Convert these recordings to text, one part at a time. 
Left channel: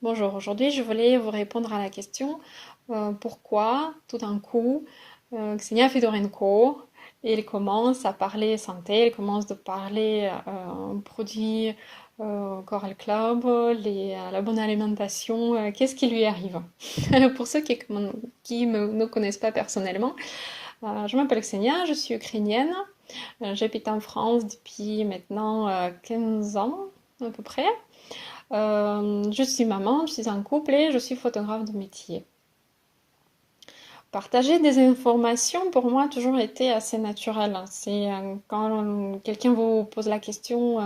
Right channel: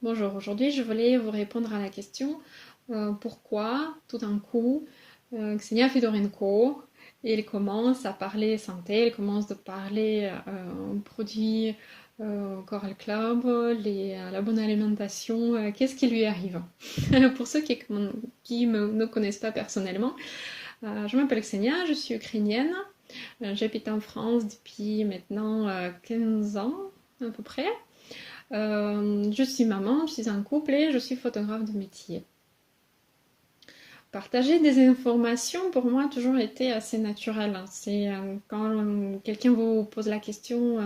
Bonjour, aujourd'hui je voulais vous répondre à la question pourquoi tout d'un coup Ksenia Fedorenko elle commence à parler santé, elle commence de parler produits Coral Club, la bonne alimentation, qu'est-ce qui lui arrive? Pour ceux qui ne connaissent pas personnellement, je m'appelle Ksenia, je suis ukrainienne, j'habite en France depuis maintenant 15 ans à peu près. Je suis maman, je suis en couple et je suis photographe de métier. Partager des informations, pour moi, a toujours été assez naturel. C'est quand quelqu'un vous pose la question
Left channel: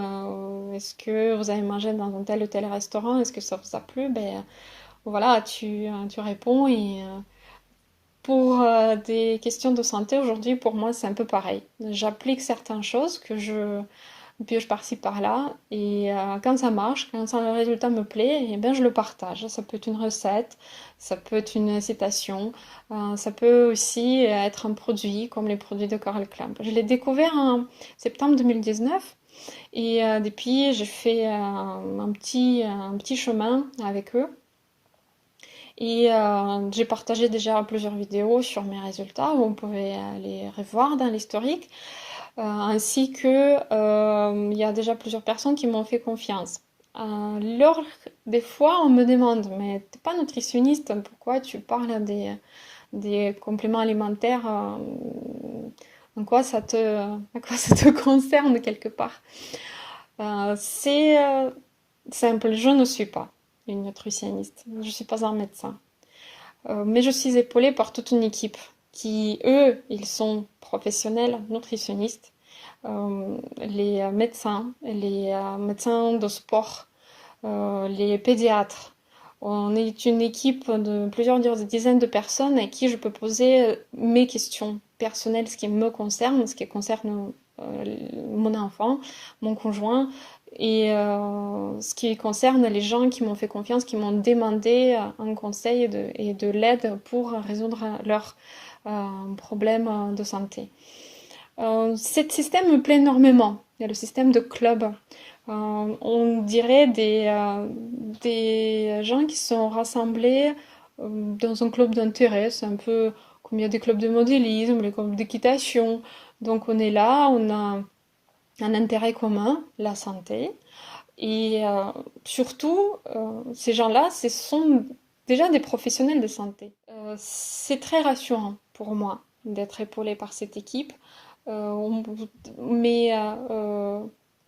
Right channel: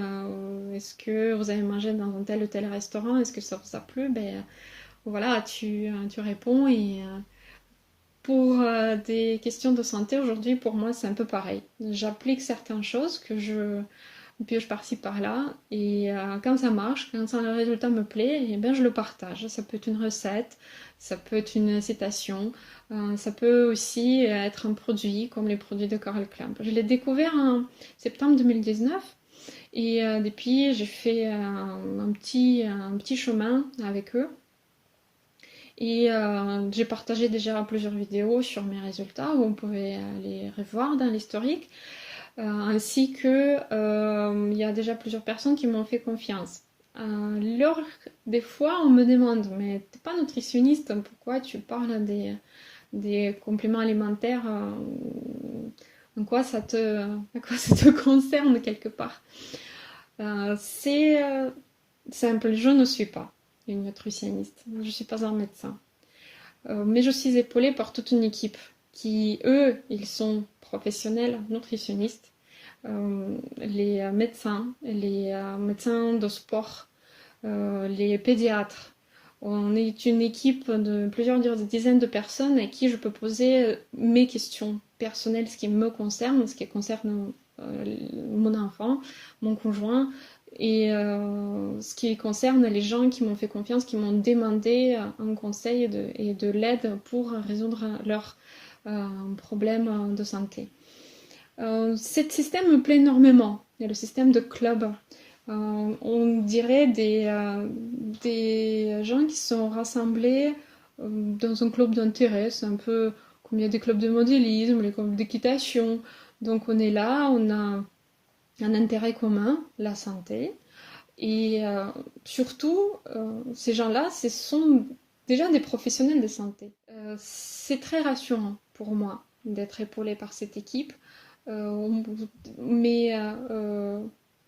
est-ce que vous avez mangé dans un tel ou tel restaurant, est-ce que ça vous a plu? Ben voilà, tu réponds et pour des questions de santé, aujourd'hui, pour moi, c'est un peu pareil. J'applique certaines choses que je pioche par-ci par-là, et quand ça marche, quand le résultat me plaît, et ben je le partage. Ça peut être une recette, ça peut être une citation, ça peut aussi être un produit, comme les produits de Coral Clamp. Je l'ai découvert en septembre 2019, et depuis, j'ai fait un petit chemin avec eux. Et j'ai partagé déjà plusieurs vidéos sur mes résultats, où on pouvait les revoir dans l'historique, ainsi que il y a déjà plusieurs personnes qui m'ont fait confiance. Des fois, on me demande, mais t'es pas nutritionniste, pourquoi tu parles des compléments alimentaires à quoi ça te concerne quelque part? C'est simple, je ne suis pas une nutritionniste, je ne suis pas un médecin. Mais je suis épaulée par toute une équipe qui, eux, ils sont professionnels, nutritionnistes, les les médecins de sport, les pédiatres. On est une équipe de plusieurs dizaines de personnes à qui je peux poser mes questions personnelles, ce qui me concerne, ce qui concerne mon enfant, mon conjoint, et ce qui concerne les gens qui m'ont fait confiance, qui m'ont demandé un conseil et de l'aide pour résoudre leurs problèmes de santé. Ce système me plaît énormément. Il y a le système de club. On dirait des gens qui sont rassemblés dans un club d'intérêt. C'est un peu comme il y a des clubs de modélisme, les clubs d'équitation. Donc on est là, on a un intérêt commun, la santé. Et surtout, ces gens-là, ce sont déjà des professionnels de santé. C'est très rassurant pour moi d'être épaulée par cette équipe. On- mes,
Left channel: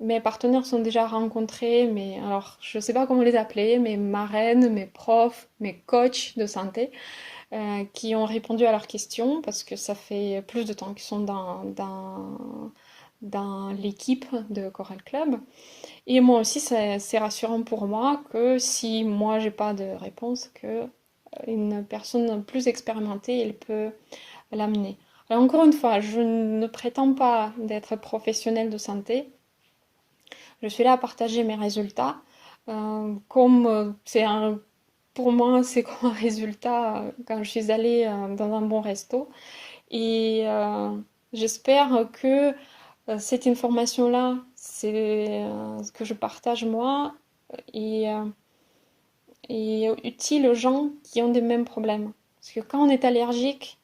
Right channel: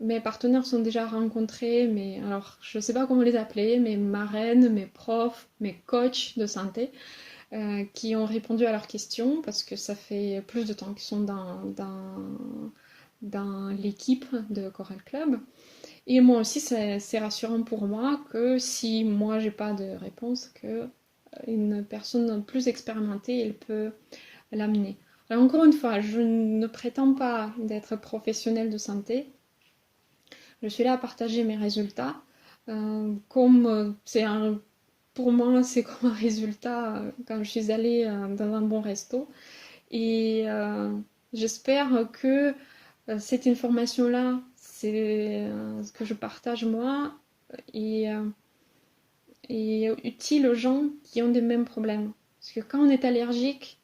mes partenaires sont déjà rencontrés, mais alors je ne sais pas comment les appeler, mes marraines, mes profs, mes coachs de santé, qui ont répondu à leurs questions parce que ça fait plus de temps qu'ils sont dans l'équipe de Coral Club. Et moi aussi, c'est rassurant pour moi que si moi j'ai pas de réponse, que une personne plus expérimentée, elle peut l'amener. Alors encore une fois, je ne prétends pas d'être professionnelle de santé. Je suis là à partager mes résultats. Comme pour moi, c'est comme un résultat quand je suis allée dans un bon resto. Et j'espère que cette information-là, c'est ce que je partage moi, et, et utile aux gens qui ont des mêmes problèmes. Parce que quand on est allergique,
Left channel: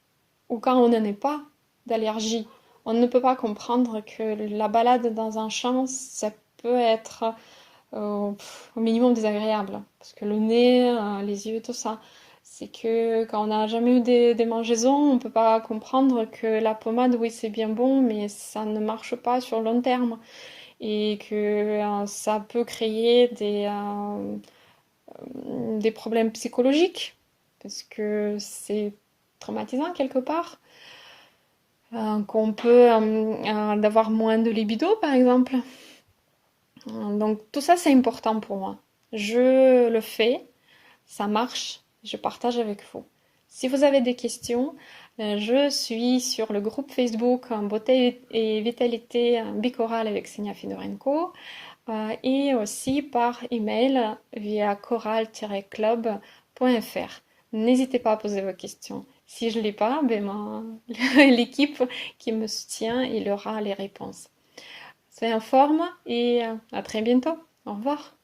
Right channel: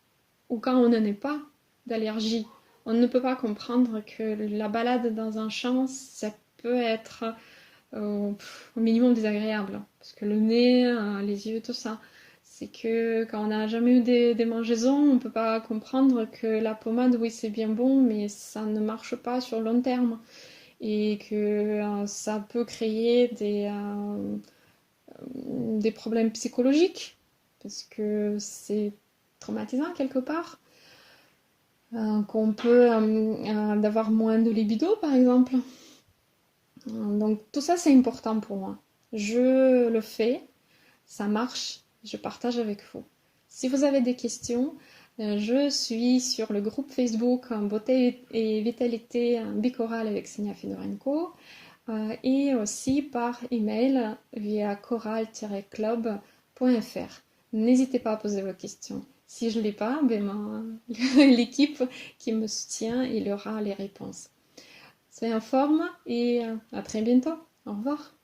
ou quand on n'en est pas d'allergie, on ne peut pas comprendre que la balade dans un champ, ça peut être au minimum désagréable. Parce que le nez, les yeux, tout ça. C'est que quand on n'a jamais eu des mangeaisons, on ne peut pas comprendre que la pommade, oui, c'est bien bon, mais ça ne marche pas sur le long terme. Et que ça peut créer des problèmes psychologiques. Parce que c'est traumatisant quelque part. Qu'on peut d'avoir moins de libido, par exemple. Donc tout ça, c'est important pour moi. Je le fais, ça marche, je partage avec vous. Si vous avez des questions, je suis sur le groupe Facebook Beauté et Vitalité Bichoral avec Ksenia Fidorenko, et aussi par email via choral-club.fr. N'hésitez pas à poser vos questions. Si je ne l'ai pas, l'équipe qui me soutient, il aura les réponses. Soyez en forme et à très bientôt. Au revoir.